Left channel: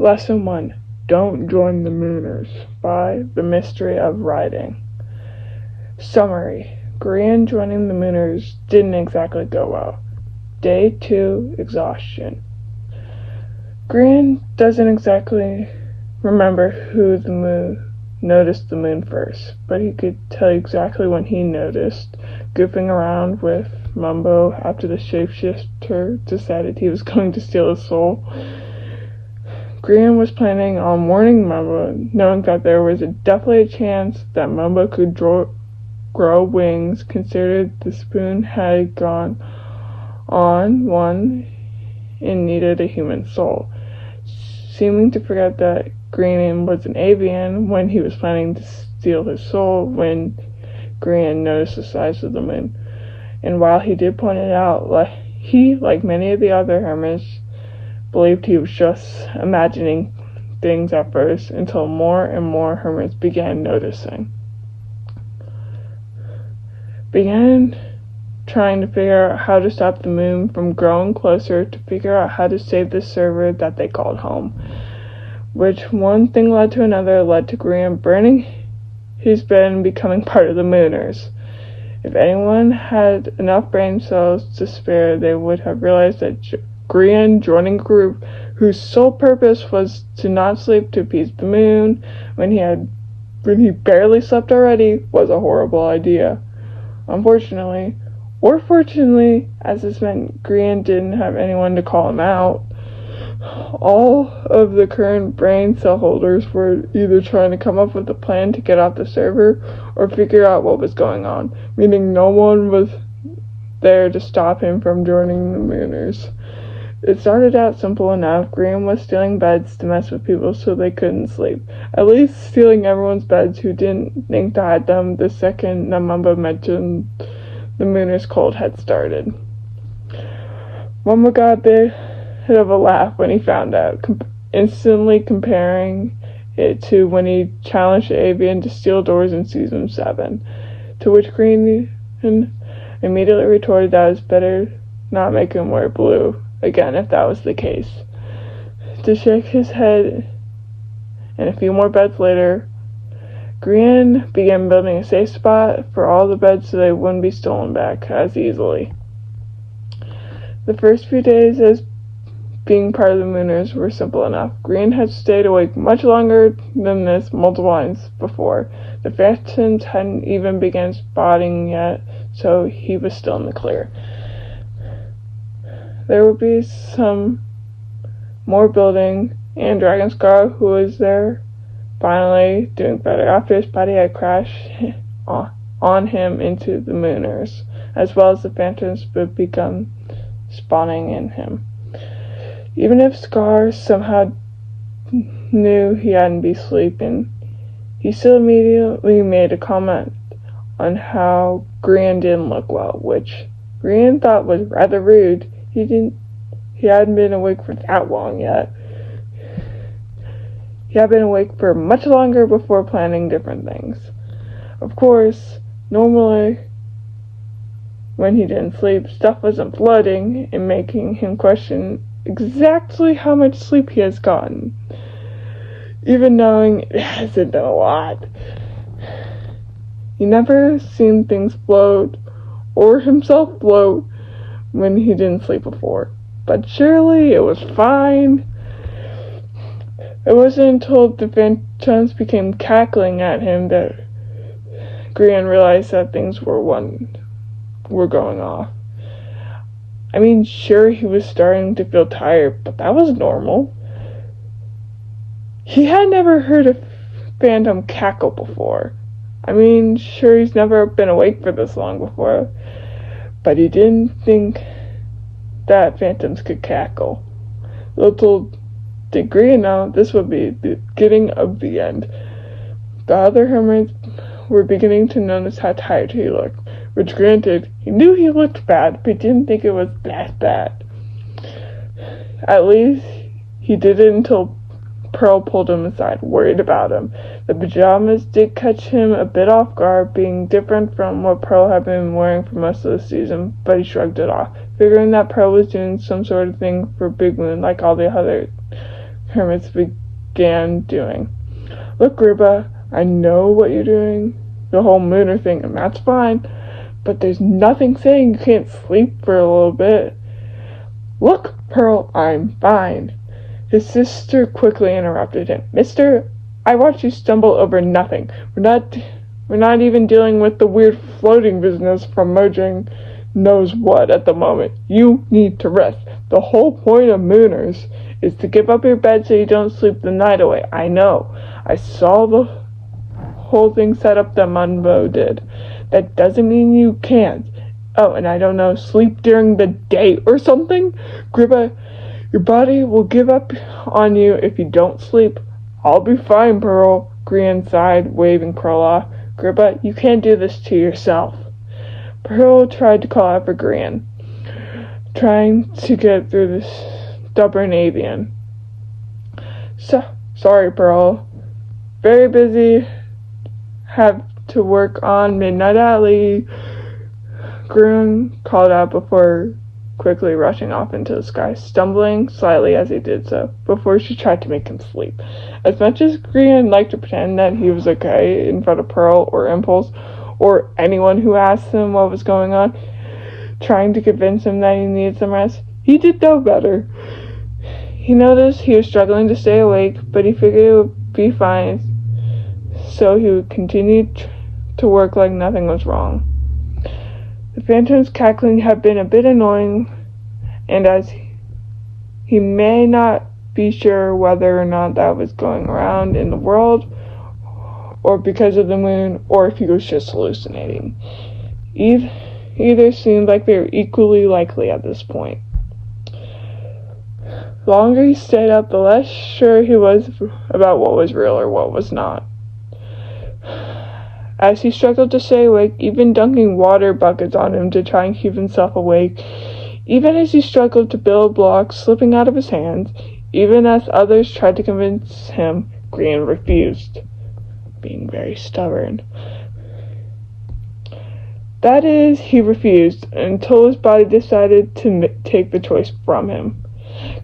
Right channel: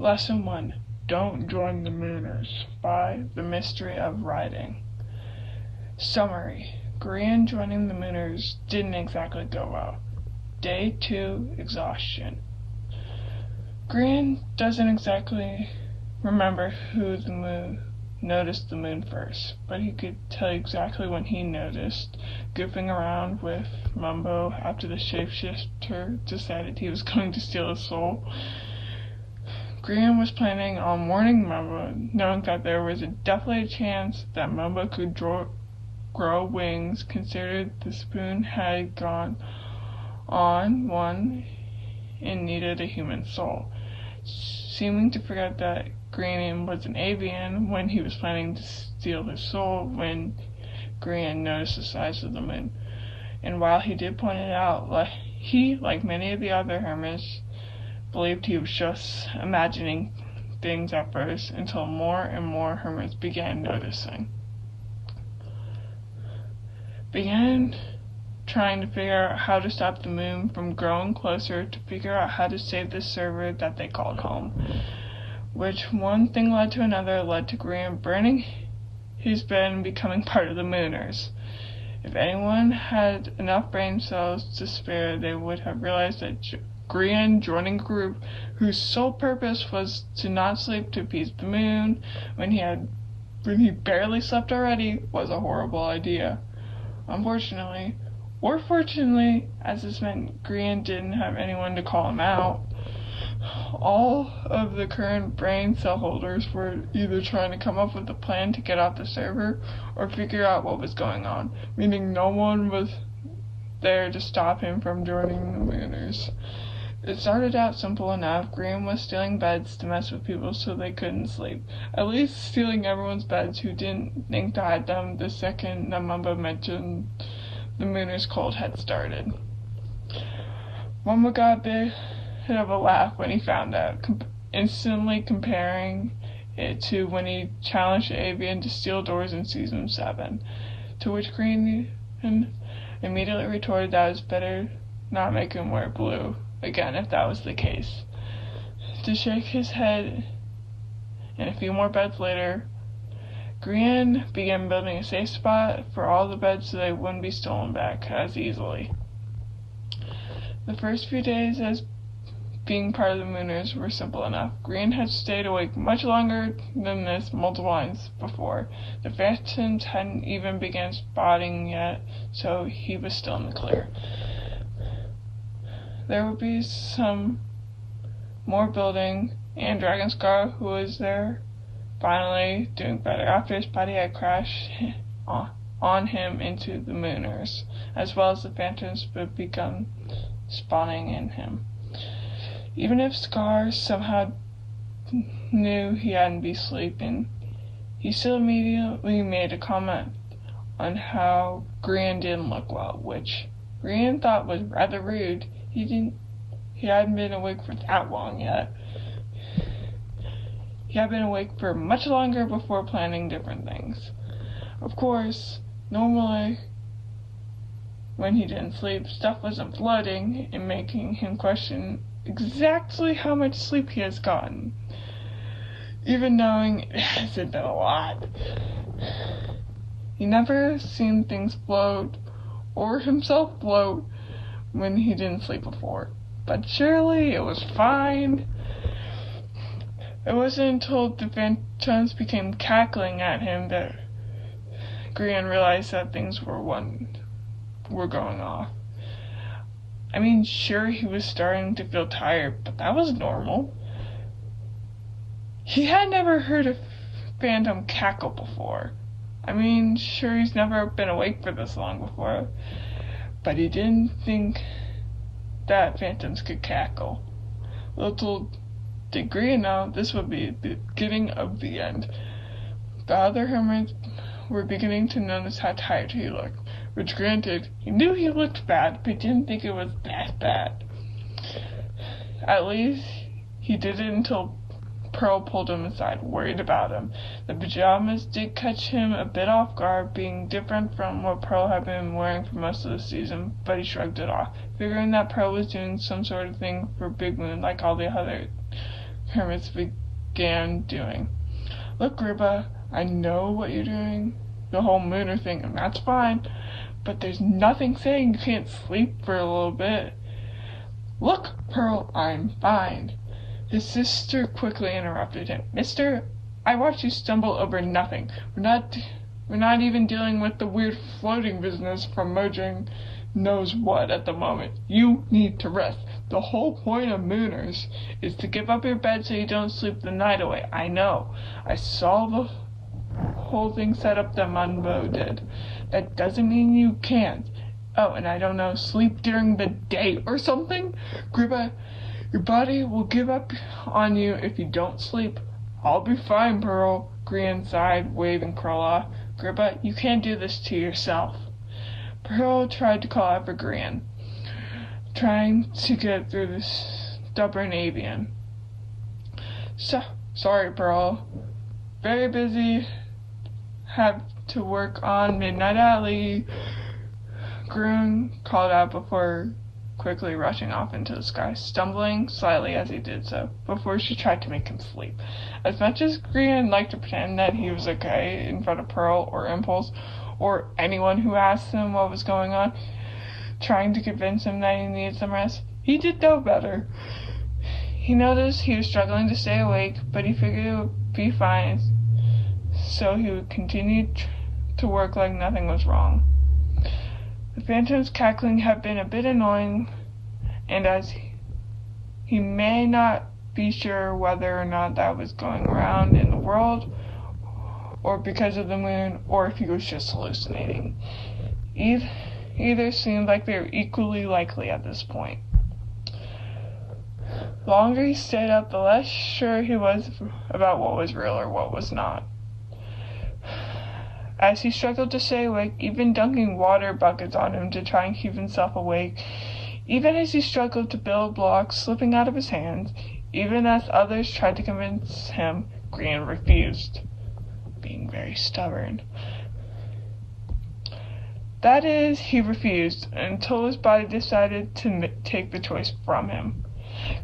Lesson 1. Don't Join the Mooners by The Mystery of Writing. Summary. Grian joining the Mooners didn't exactly go well. Day 2, exhaustion. Grian doesn't exactly remember who noticed the moon first, but he could tell you exactly when he noticed, goofing around with Mumbo after the shapeshifter decided he was going to steal his soul. Grian was planning on warning Mumbo, knowing that there was definitely a chance that Mumbo could grow wings, considered the spoon had gone on one and needed a human soul, seeming to forget that Grian was an avian when he was planning to steal his soul when Grian noticed the size of the moon. And while he did point it out, he, like many of the other hermits, believed he was just imagining things at first, until more and more hermits began trying to figure out how to stop the moon from growing closer, to figure out how to save the server that they called home. Which one thing led to another, led to Grian burning his bed and becoming part of the Mooners. If anyone had enough brain cells to spare, they would have realized that Grian joining a group whose sole purpose was to not sleep to appease the moon when he barely slept already was a horrible idea. Unfortunately, or fortunately, as this meant Grian didn't have anyone to call him out, all of the current brain cell holders were either trying to come up with a plan to get off the server or figure out what was going on, meaning no one was there to stop him from joining the Mooners. It started out simple enough. Grian was stealing beds to mess with people so they couldn't sleep. At least stealing everyone's beds who didn't think to hide them the second Mumbo mentioned the Mooners' cold had started. Mumbo got a bit of a laugh when he found out, instantly comparing it to when he challenged the avian to steal doors in season 7, to which Grian immediately retorted that it was better not make him wear blue again if that was the case. To shake his head, and a few more beds later, Grian began building a safe spot for all the beds so they wouldn't be stolen back as easily. The first few days as being part of the Mooners were simple enough. Grian had stayed awake much longer than this multiple times before. The phantoms hadn't even begun spotting yet, so he was still in the clear. There would be some more building, and Dragonscar, who was there, finally doing better after his body had crashed on him into the Mooners, as well as the phantoms would become spawning in him. Even if Scar somehow knew he hadn't been sleeping, he still immediately made a comment on how Grian didn't look well, which Grian thought was rather rude. He hadn't been awake for that long yet. He had been awake for much longer before planning different things. Of course, normally, when he didn't sleep, stuff wasn't flooding and making him question exactly how much sleep he has gotten, even knowing it hasn't been a lot. He never seen things float or himself float when he didn't sleep before, but surely it was fine. It wasn't until the phantoms became cackling at him that Grian realized that things were going off. I mean, sure, he was starting to feel tired, but that was normal. He had never heard a phantom cackle before. I mean, sure, he's never been awake for this long before, but he didn't think that phantoms could cackle. Little did Grian know this would be the beginning of the end. The other hermits were beginning to notice how tired he looked, which granted, he knew he looked bad, but he didn't think it was that bad. At least, he didn't until Pearl pulled him aside, worried about him. The pajamas did catch him a bit off guard, being different from what Pearl had been wearing for most of the season, but he shrugged it off, figuring that Pearl was doing some sort of thing for Big Moon like all the other hermits began doing. Look, Gribba, I know what you're doing, the whole mooner thing, and that's fine, but there's nothing saying you can't sleep for a little bit. Look, Pearl, I'm fine. His sister quickly interrupted him. Mister, I watched you stumble over nothing. We're not even dealing with the weird floating business from merging knows what at the moment. You need to rest. The whole point of mooners is to give up your bed so you don't sleep the night away. I know. I saw the whole thing set up that Munbo did. That doesn't mean you can't. Oh, and I don't know, sleep during the day or something? Gribba, your body will give up on you if you don't sleep. I'll be fine, Pearl, Grian sighed, waving Pearl off. Gribba, you can't do this to yourself. Pearl tried to call out for Grian, trying to get through this stubborn avian. Sorry, Pearl. Very busy. Have to work on Midnight Alley. Grian called out before quickly rushing off into the sky, stumbling slightly as he did so, before she tried to make him sleep. As much as Grian liked to pretend that he was okay in front of Pearl or Impulse, or anyone who asked him what was going on, trying to convince him that he needed some rest, he did know better. He noticed he was struggling to stay awake, but he figured it would be fine, so he would continue to work like nothing was wrong. The phantom's cackling had been a bit annoying, and as he may not be sure whether or not that was going around in the world, or because of the moon, or if he was just hallucinating. Either seemed like they were equally likely at this point. The longer he stayed up, the less sure he was about what was real or what was not. As he struggled to stay awake, even dunking water buckets on him to try and keep himself awake, even as he struggled to build blocks slipping out of his hands, even as others tried to convince him, Grian refused, being very stubborn. That is, he refused, until his body decided to take the choice from him.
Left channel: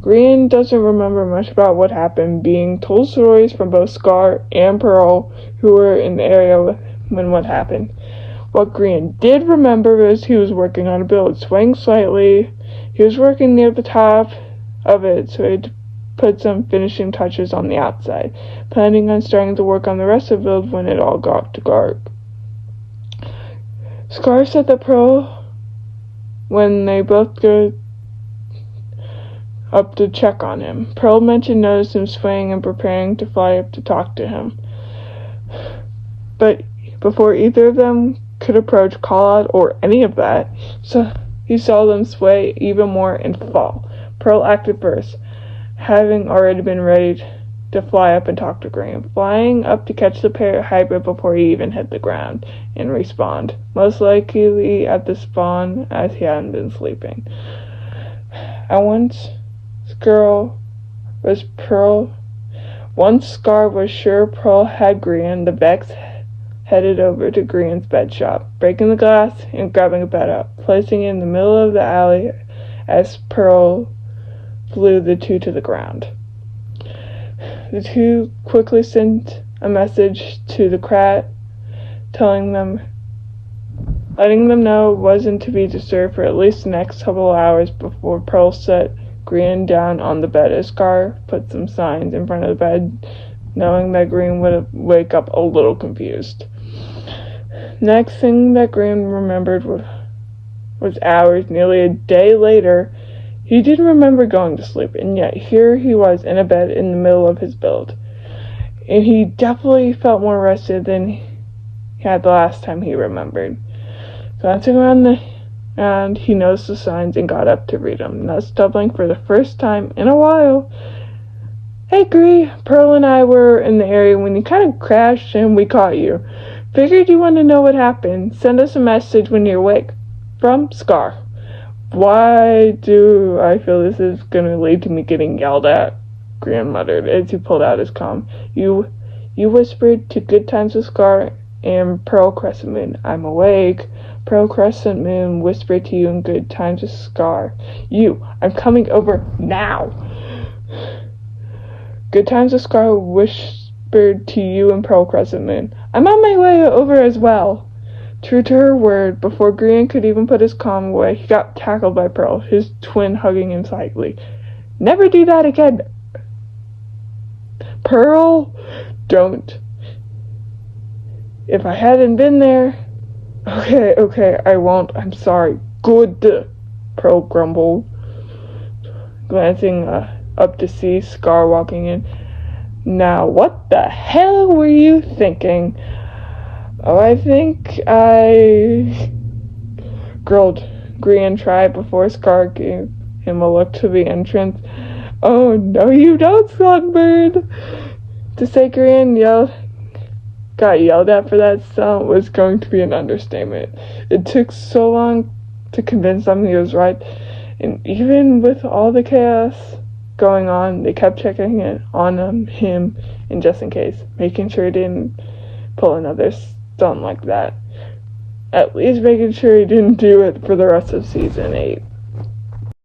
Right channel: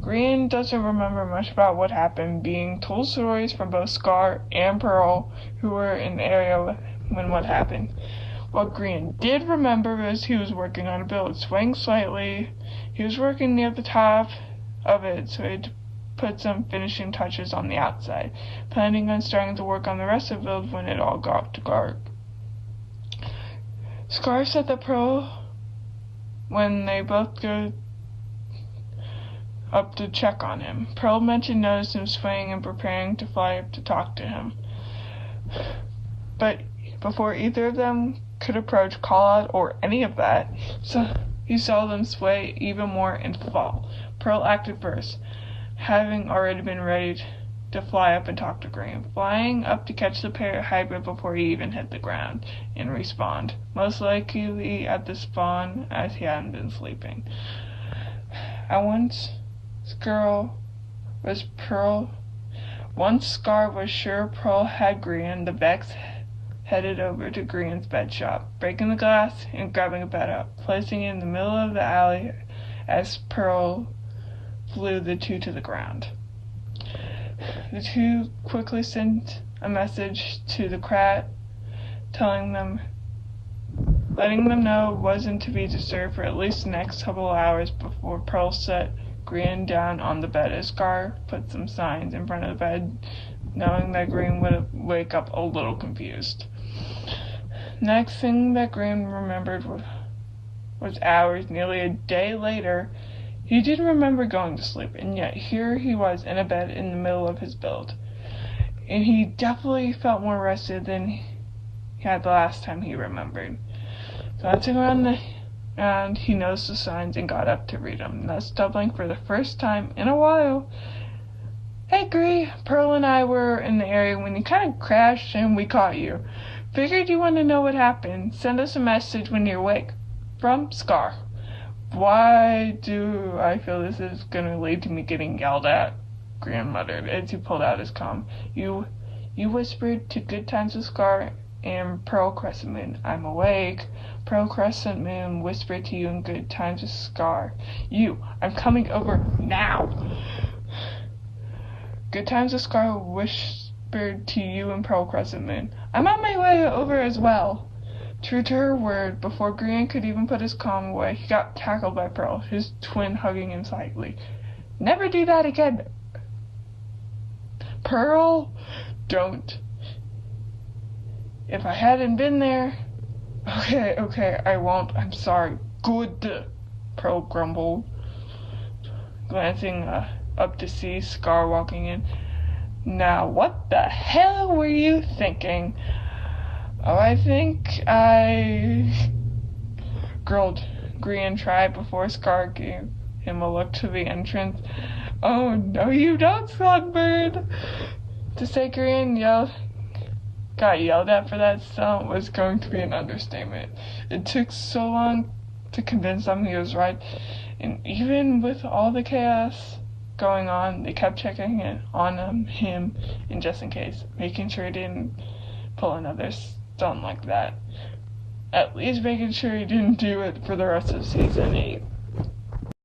Grian doesn't remember much about what happened, being told stories from both Scar and Pearl, who were in the area when what happened. What Grian did remember was he was working on a build, swaying slightly. He was working near the top of it, so he'd put some finishing touches on the outside, planning on starting to work on the rest of the build when it all got dark. Scar said that Pearl, when they both go up to check on him, Pearl mentioned noticed him swaying and preparing to fly up to talk to him. But before either of them could approach, call out, or any of that, so he saw them sway even more and fall. Pearl acted first, having already been ready to fly up and talk to Grian, flying up to catch the parrot hybrid before he even hit the ground, and respawned, most likely at the spawn as he hadn't been sleeping. Once Scar was sure Pearl had Grian, the Vex headed over to Grian's bed shop, breaking the glass and grabbing a bed up, placing it in the middle of the alley as Pearl flew the two to the ground. The two quickly sent a message to the Krat, letting them know it wasn't to be disturbed for at least the next couple of hours before Pearl set Grian down on the bed as Scar put some signs in front of the bed, knowing that Grian would wake up a little confused. Next thing that Grian remembered was hours, nearly a day later. He didn't remember going to sleep, and yet here he was in a bed in the middle of his build. And he definitely felt more rested than he had the last time he remembered. Glancing around and he noticed the signs and got up to read them, not stumbling for the first time in a while. Hey, Gree, Pearl and I were in the area when you kind of crashed and we caught you. Figured you want to know what happened. Send us a message when you're awake. From Scar. Why do I feel this is going to lead to me getting yelled at? Grian muttered as he pulled out his comm. You whispered to Good Times with Scar and Pearl Crescent Moon. I'm awake. Pearl Crescent Moon whispered to you in Good Times with Scar. I'm coming over now. Good times, the Scar whispered to you and Pearl Crescent Moon. I'm on my way over as well. True to her word, before Grian could even put his calm away, he got tackled by Pearl, his twin hugging him tightly. Never do that again. Pearl, don't. If I hadn't been there... Okay, I won't. I'm sorry. Good, Pearl grumbled, glancing up to see Scar walking in. Now, what the hell were you thinking? Oh, I think I... growled Grian tried before Scar gave him a look to the entrance. Oh, no you don't, Songbird! To say Grian got yelled at for that stunt was going to be an understatement. It took so long to convince them he was right, and even with all the chaos going on, they kept checking in on him, and just in case, making sure he didn't pull another stunt like that. At least making sure he didn't do it for the rest of season 8.